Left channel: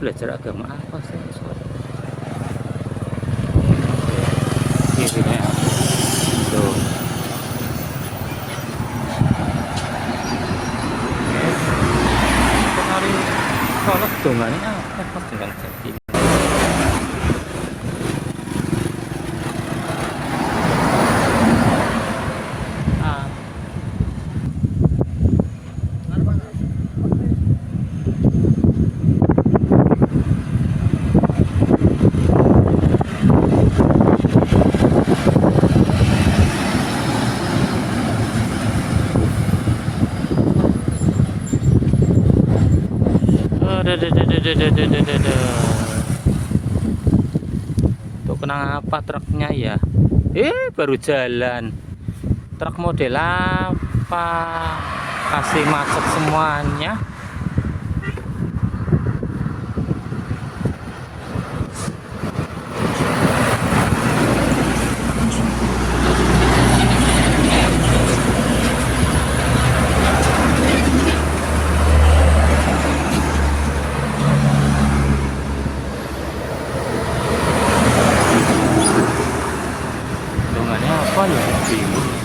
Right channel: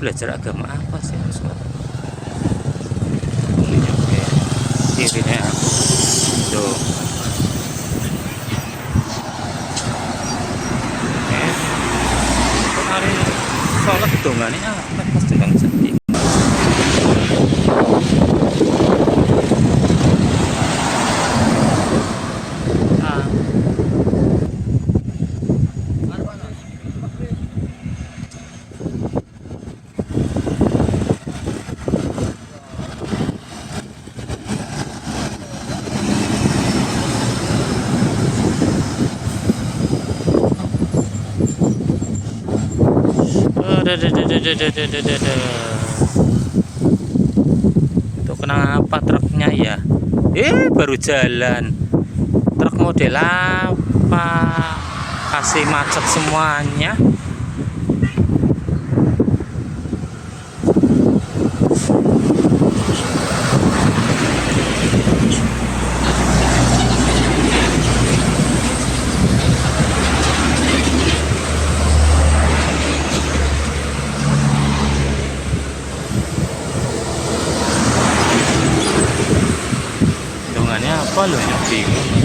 belajar agama apa sih sobat? Kirinya tuh. Hari sholat dongane apa pas dengan sepi. Itu kenapa truknya ya? Baru jalan. Truk model apa? Kasih macet semuanya. Apa loh yang bingung.